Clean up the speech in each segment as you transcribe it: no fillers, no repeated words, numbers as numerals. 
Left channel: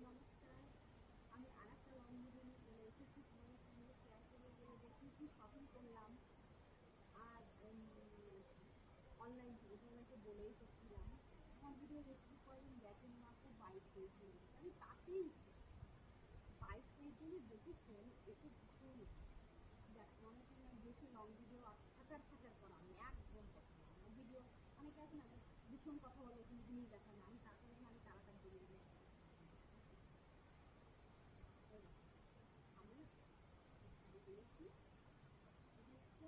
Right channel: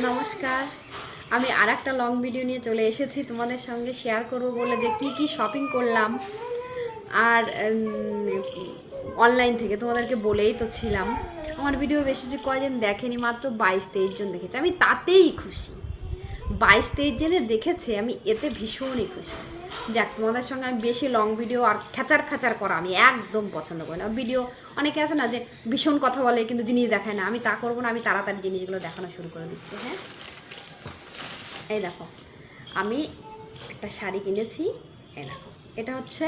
নমস্কার। আমি আরেকটা লং ভিডিও নিয়ে চলে এসেছি তোমাদের সঙ্গে শেয়ার করব বলে যে কি শপিং করলাম। আর অনলাইন থেকে তোমাদেরকে বলেই তো ছিলাম। আমার ভিডিও বেশি যে কয়জন দেখেনি, মাত্র 22-23 জন দেখেছে। আমি তাতেই খুশি। 22-23 জনে দেখেছে, আমি এতে ভীষণই খুশি। যাক, তোমাদের সঙ্গে আমি বেশি লং ভিডিও আর খ্যাচার করা আমি একদম পছন্দ করি না। ভিডিও অনেকে আছে না যে ভীষণ কথা বলে কিন্তু জিনিস দেখায় না, আমি তা করবো না। আমি তাড়াতাড়ি জিনিসগুলো দেখানো শুরু করে দিচ্ছি। হ্যাঁ, এই দেখো, আমি একটা শাড়ি কিনেছি। এই দেখো, এটা হচ্ছে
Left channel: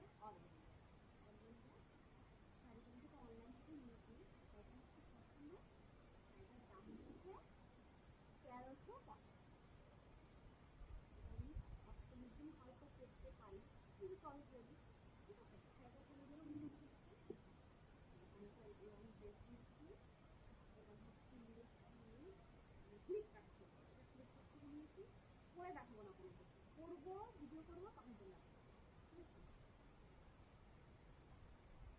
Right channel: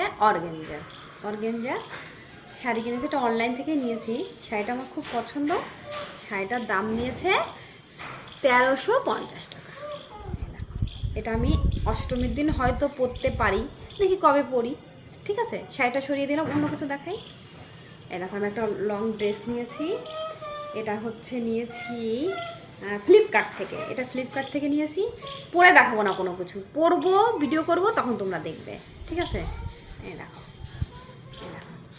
অর্গেঞ্জা শাড়ি কিনেছি। এটা অনলাইন থেকে নিয়েছি। শাড়িটা আমার খুব পছন্দ। শাড়িটার দাম নিয়েছে 1350 টাকা। এটা আমি অষ্টমীর দিন হয়তো পরতে পারি, দেখি কবে পরি। ঠিক আছে, শাড়িটা সরিয়ে দিলাম, অন্য কিছু দেখাই। এই দেখো, আমি একটা লং ড্রেস নিয়েছি। এটা হচ্ছে নিয়েছি ফ্লিপকার্ট থেকে। এটা ফ্লিপকার্ট থেকে নিয়েছি। পরে দেখাবো না কোনো কিছু, পরবো, ভিডিও করব, তখন তোমরা দেখবে। ঠিক আছে, এই দেখো,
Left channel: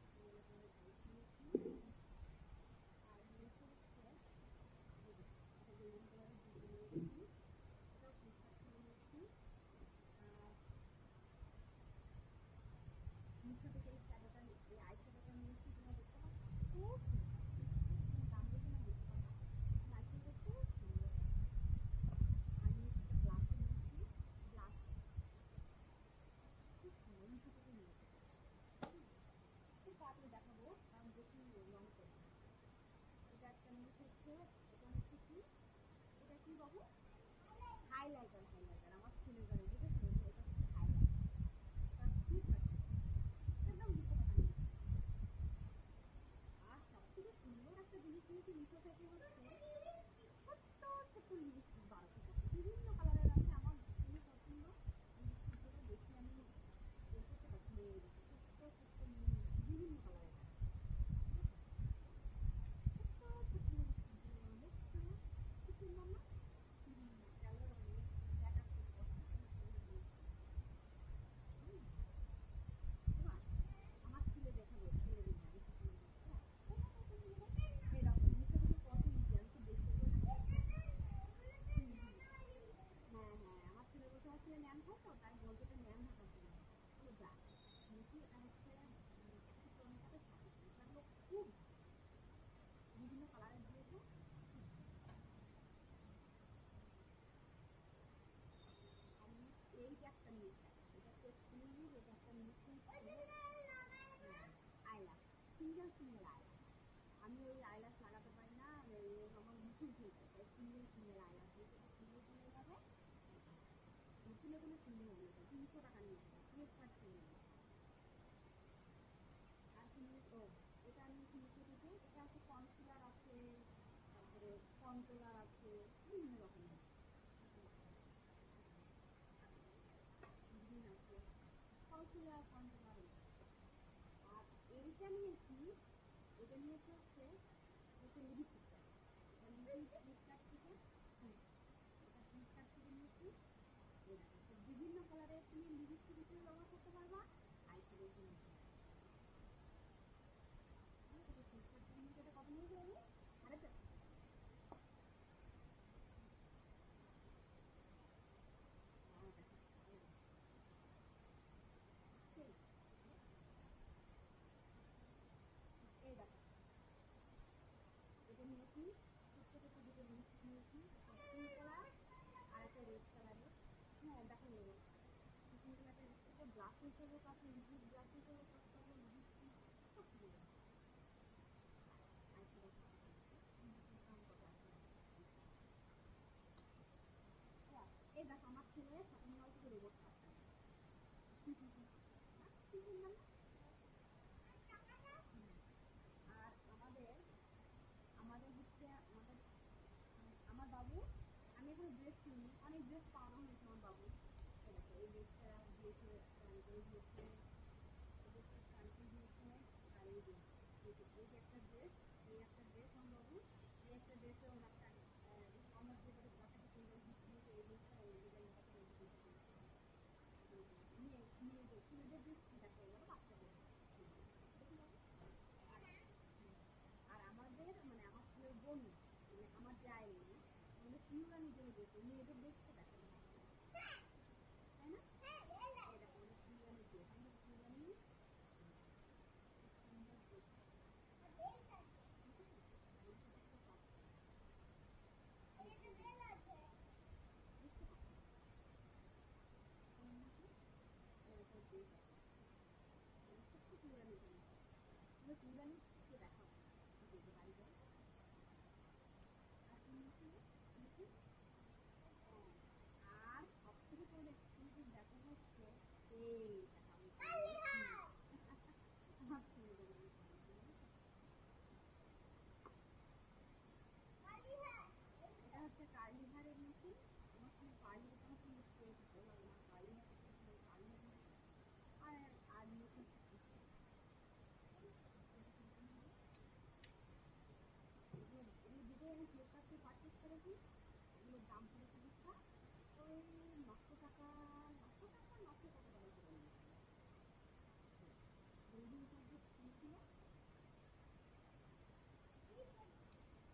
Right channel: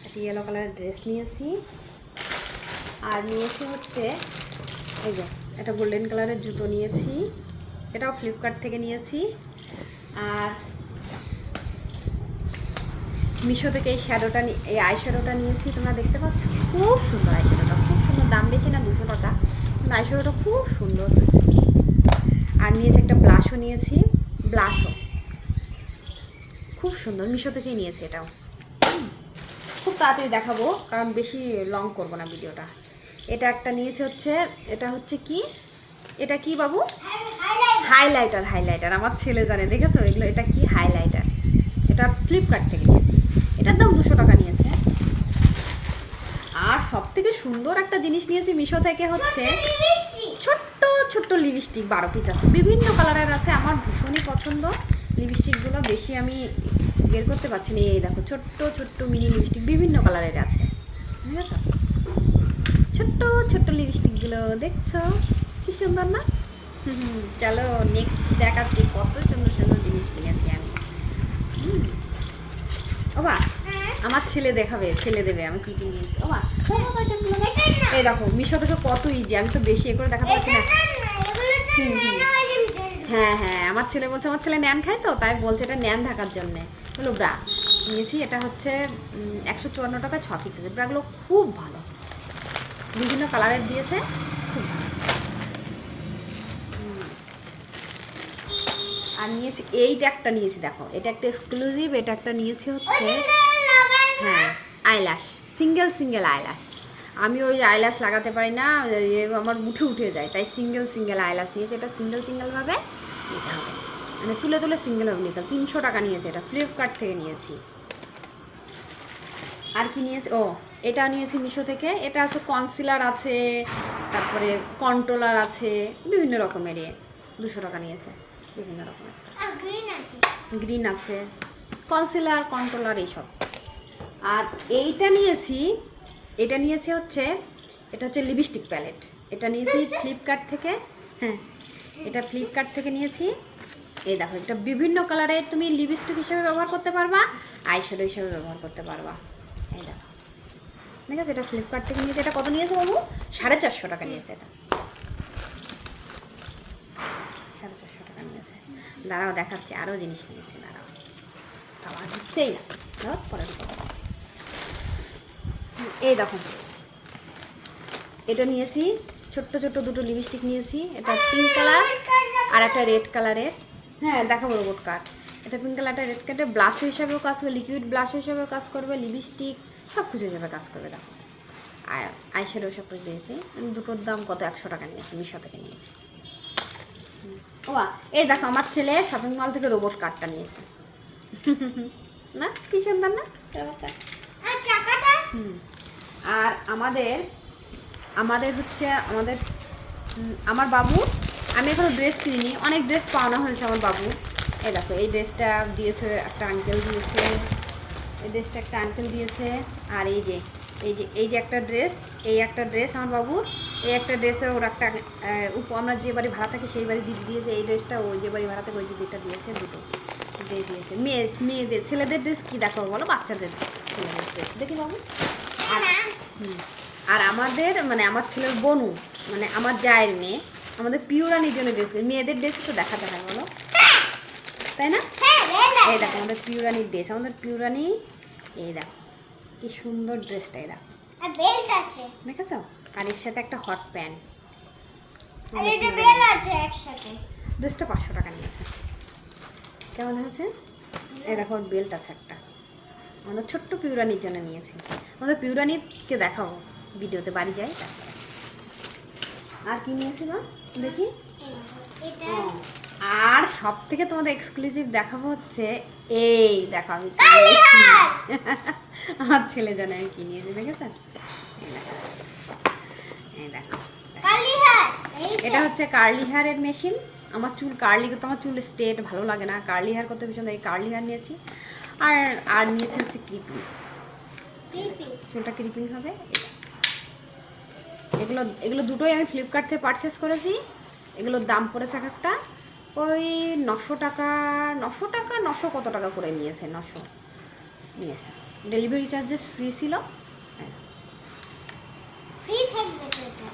একটা ইয়েলো কালারের ড্রেস নিয়েছি। আর নিয়েছি হচ্ছে এই যে একটা গোল্ডেন কালারের জুতো নিয়েছি। এটাও ফ্লিপকার্ট থেকে নিয়েছি। আর মিশো থেকে এই শ্যাডোটা, এই আই শ্যাডোটা নিয়েছি। তোমরা দেখতে পাচ্ছ, খুব সুন্দর আই শ্যাডোটা, খুব সুন্দর। দাম বেশি না, 200 টাকা, কিন্তু আই শ্যাডোটা খুব সুন্দর হয়েছে। আর নিয়েছি একটা ব্লাশও নিয়েছি। ব্লাশও খুব সুন্দর, মিশো থেকেই নিয়েছি। এটাও খুব তাড়াতাড়ি দেখাবো, কারণ বেশি লং করবো না ভিডিওটা। এটা একটা নিয়েছে হচ্ছে, এটা হচ্ছে কি, এটা কি বাবু? হাইলাইটার। আমার ছেলে জানে, দেখেছো এগুলো? এটা কি? হাইলাইটার। এটা ফ্লিপকার্ট থেকে নিয়েছি। এটার দাম 200 টাকা নিয়েছে। আর সব থেকে সুন্দর একটা জিনিস নিয়েছি মিশো থেকে, হচ্ছে ছোট্ট লিপস্টিক। 12 পিস আছে, বিভিন্ন কালারের আছে। আমার ভীষণই পছন্দ লিপস্টিকগুলো। বেশি আমি বের করতে পারছি না। এই দেখো, ছোট্ট মিনি লিপস্টিক বিভিন্ন কালারের আছে। ঠিক আছে, ছোট্ট লিপস্টিকগুলো দেখছো কি সুন্দর না? চলো নেক্সট দেখাচ্ছি কত সুন্দর জিনিস কিনেছি আমি। ওবা, আমার ছেলে দেখাবে, ছেলে দেবে আমি কি কি নিয়েছি। ওবা, এই দেখো, মিশো থেকে কত ইজি। আমি তো বেশি করে দেখাতে পারছি না। হ্যাঁ, আমার ছেলে বলছে, আমার ছেলে ন্যান খায় তো, তাই বলছে এটা ন্যান ঢাকার জন্যে। হলো ব্রা নিয়েছি। এটা হচ্ছে 154 টাকা 6 পিস আছে। ব্রাগুলো খুব ভালো, বিভিন্ন কালারের দিয়েছে, খুব ভালো। আর নিয়েছি এইটা একটা নিয়েছি, দেখো এটা একটা এক্সক্লুসিভ। এটা একটা নিয়েছি হচ্ছে, হ্যাঁ, আইল্যাশ, সিঙ্গেল আইল্যাশ। আমি ওই আইল্যাশ লাগাতে পারি না, আমার উঠে যায়, তাই সিঙ্গেল আইল্যাশ নিয়েছি। এটা সিঙ্গেলভাবে নিতে হবে, মানে তুলে সিঙ্গেলভাবে নিতে হবে। 300 টাকা নিয়েছে। এটা ফ্লিপকার্ট থেকে নিয়েছি। আর কি নিয়েছি? ও, এটা নিয়েছি মিশো থেকে। এটা হচ্ছে কনসিলার আছে, তারপরে কন্ট্রোলার আছে, বিভিন্ন রকমের। 200 টাকা নিয়েছে, বিভিন্ন রকমের। গ্রিন আছে, কনসিলার, কন্ট্রোলার, এইসব। আর এইটা নিয়েছি, হচ্ছে, এটা হচ্ছে লিপস্টিক প্যালেট। এটা নিয়েছি ফ্লিপকার্ট থেকে। হ্যাঁ, এটা ফ্লিপকার্ট থেকে নিয়েছি। এই দেখো, এটা বিভিন্ন কালারের তুমি লিপস্টিক হিসেবে ব্যবহার করতে পারবা, আইশ্যাডো হিসেবে ব্যবহার করতে পারবা। এই দেখো, ঠিক আছে, এটা ফ্লিপকার্ট থেকে নিয়েছে। এটা কত নিয়েছে বাবু? 450 টাকা নিয়েছে। এটা 450 টাকা নিয়েছে। দাঁড়াও দেখাচ্ছি, আরও জিনিস নিয়েছে। দাঁড়াও, আবার হচ্ছেই না, ধর পরে। এই দেখো, এটা নিয়েছি, ছোট্ট দুটো লিপস্টিক নিয়েছি। এটা পিঙ্ক কালার আর একটা রেড কালারের। হ্যাঁ, দেখাবো রোবট কার্ড। এটা পিঙ্ক কালারটা, রেড কালারটা ব্লাশ হিসাবেও কাজ করবে, লিকুইড ব্লাশ হিসাবেও কাজ করবে, লিপস্টিক সব কিছু হিসাবে কাজ করবে। দেখো, আইশ্যাডো সব কিছু দিয়েছি। দুটোর দাম কত? 100 টাকা নিয়েছি, মিশো থেকে নিয়েছি। ও, এই দেখো, আমার ছেলে শপিং মল থেকে রোবট কার্ডটা নিয়েছে। না, কি সুন্দর না রোবট কার্ড? আর আমাদের হচ্ছে, আমার বাবু, আমি এখনো ড্রেস কিনিনি, অনেক ড্রেস পাওনা হয়েছে আমার বাবু। এই দেখো, এই ড্রেসটা দিয়েছে একটা আঙ্কেল দিয়েছে। এই ড্রেসটা একটা আঙ্কেল দিয়েছে। আর এই যে একটা ড্রেস, এই একটা ড্রেস আমার বাবুর। এই একটা ড্রেসে ওর একটা, আমরা যে বাড়ি ভাড়া থাকি সেই বাড়ি দিদি দিয়েছে। এই ড্রেসটা ওই যে বাড়ি ভাড়া থাকে ওই দিদিটা দিয়েছে। দুটো ড্রেস দিয়েছে। মেয়েদের, ছেলেদের ড্রেস কী দেখো বলো? বাচ্চাদের ছেলেদের ড্রেস দেখি বাবু। আর আমাদের, মানে আমার ছেলের বনু, মানে আমার জায়ের মেয়ে, আমাদের পিউরানির জন্য ড্রেস, মেয়েদের ড্রেস তো দেখাতে হয় বলো, তাই না? এই দেখো আমাদের পিউরানির ড্রেস, আমাদের পিউরানি, এই দেখো কি সুন্দর ড্রেসটা, এই দেখো বেল্ট আছে, দেখেছো? আর এর সাথে একটা হট প্যান্ট, আর এটা বেল্ট আছে একসাথে। ড্রেসটা 500 টাকা নিয়েছে। কেমন হয়েছে? এই দেখো বেল্ট আছে একটা, আমাদের ছোট্ট পিউরানির জন্য নিয়েছি। আমাদের পিউরানিকে দেখাবো ভিডিওতে, বাড়ি যাই তারপরে। আর কি নিয়েছি মা দেখি? এটা ও, আর সব থেকে তোমাদের এক্সক্লুসিভ দেখাবো হচ্ছে এই দেখো আমি কি নিয়েছি। আমার ছেলে জানে আমি কি নিয়েছি, দেখেছেন? এই দেখো, এই দেখো, কালি হাত, এটা হচ্ছে কার্লি হেয়ারের মেশিন। আমার চুল কার্লি করতে, আমার চুল স্ট্রেট ভালো লাগে না, কার্লি হেয়ার করতে ভীষণ, এই কার্লি হেয়ার নিয়েছি। আর আর নিয়েছি হচ্ছে ক্রিপিং, পিপি চুলটা ক্রিপিং হবে। এগুলো এগুলো দুটোই আমি ফ্লিপকার্ট থেকে পারচেস করেছি। এগুলোর দাম পড়েছে এক একটা ওই 900 টাকা, 900 কত টাকা করে নিয়েছে, 900 নিয়েছে। ডেলিভারি চার্জেস ফ্রি ছিল। হ্যাঁ, ফ্রি থাকবে তো এটা।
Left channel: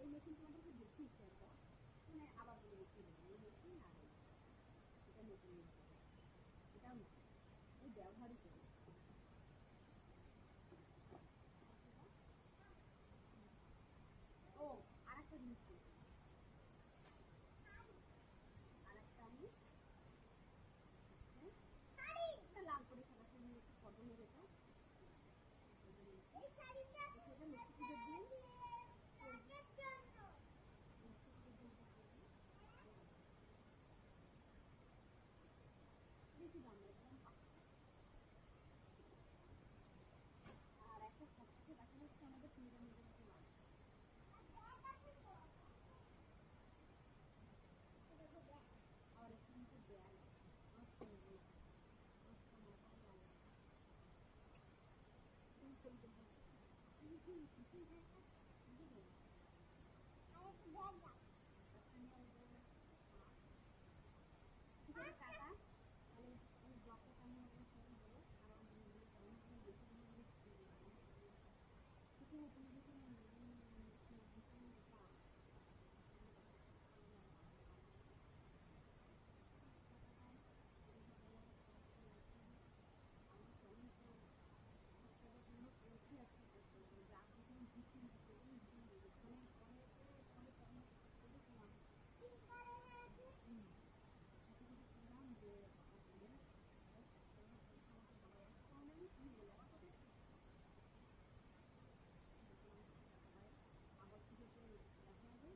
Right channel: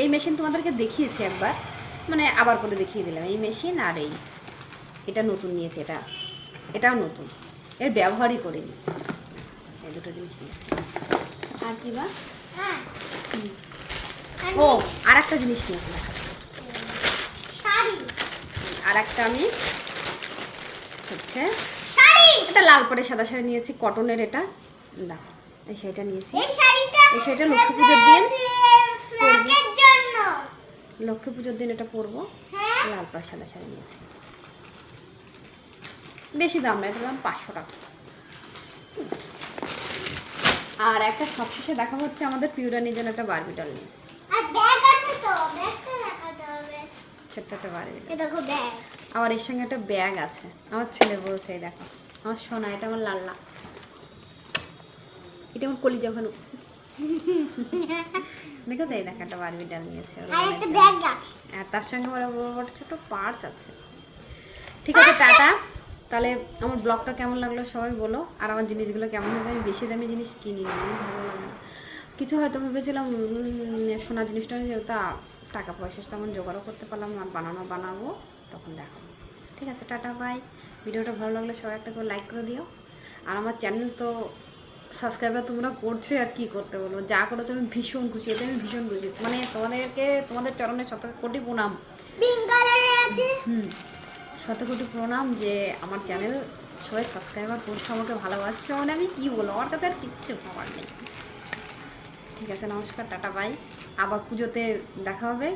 এই মেশিন তোমাদেরকে দেখিয়েছি একবার, মানে আবার করে দেখিয়ে দিলাম। এই মেশিন আর এটা নতুন নিয়েছে, এটাও নতুন, এর ব্যবহারই করিনি। এই দুটো জিনিস নিয়েছি। আর কি বা? হ্যাঁ, ও আর একটা জিনিস নিয়েছি, দেখাচ্ছি। শাড়ি, আর একটা আমি হচ্ছে শাড়ি, এটা লাল পরে সাদা শাড়ি নিয়েছি, কটনের। এটা দেখো, এই শাড়িটা নিয়েছি। এই শাড়িটা এই শাড়িটা লক্ষ্মী পুজোর দিন ফ্ল্যাগের জন্য। লক্ষ্মী পুজোর দিন এটা পরবো। হ্যাঁ, লাল পরে সাদা শাড়ি নিয়েছি, বেশি দাম না, এটার দাম 500 টাকা। আর একটা সবশেষে দেখা হচ্ছে আমাদের পিউরানির জন্য একটা বারবি ডল নিয়েছি, আর ব্যাগ আছে তো, ব্যাগটা দেখাতে হবে। ছোট্ট একটা বারবি ডল। এই দেখো ব্যাগ। আবার এর সঙ্গে একটা ব্যাগ আছে, আমার ছেলে বলছে এই দেখো আমার সোনা, এটা আমার লাল্লা, এটা আমার কলিজা ভালো। দেখেছো? এই দেখো একটা বারবি ডল নিয়েছে ওর আর বোনের একটা জন্য। ব্যাগ আছে। আর তার সঙ্গে আমার বড় ছোট পার্স আছে। ঠিক আছে, টাটা। তাহলে আমার ব্লগটা কেমন লাগলো সবাই বলো, আর আমার জিনিসগুলো কেমন হয়েছে। আমি বেশি দামি জিনিস কিনি না, আমার ভালো লাগে না। কিছু হয়তো ভেবেছিলাম সোনার জিনিসটা নিয়ে, তা টাকা পয়সা তেমন জোগাড়ও করতে পারলাম না, বানাবো তখন দেখাবো। ঠিক আছে, টাটা বাই। ভিডিওটা ভালো লাগলে সবাই একটা করে লাইক করে দিও। আর আমার চ্যানেল তো সাবস্ক্রাইবার তোমরা করছোই, আর কি করতে বলবো, যা করেছো আমি ভীষণ খুশি, এতে আমি ভীষণ খুশি। মানে তোমাদের চরণে 100 কোটি প্রণাম। পিঙ্ক কালারে আছে। শত কোটি প্রণাম যে আমার চ্যানেল সবাই সাবস্ক্রাইবার করছো, আমাকে ভালোবাসছো, মানে আমি কি বলবো, আমার কাছে আর কিচ্ছু পাওয়ার নেই। ঠিক আছে, নমস্কার, টাটা বাই। আবার পুজোতে দেখা হবে,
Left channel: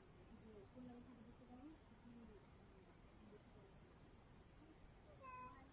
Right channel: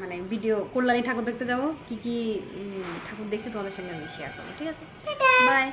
মানে ভিডিও কল্যাণী ঠাকুর দেখতে যাবো, কি কি ঠাকুর দেখছি তোমাদের সঙ্গে আমি শেয়ার করবো। ঠিক আছে, বাই।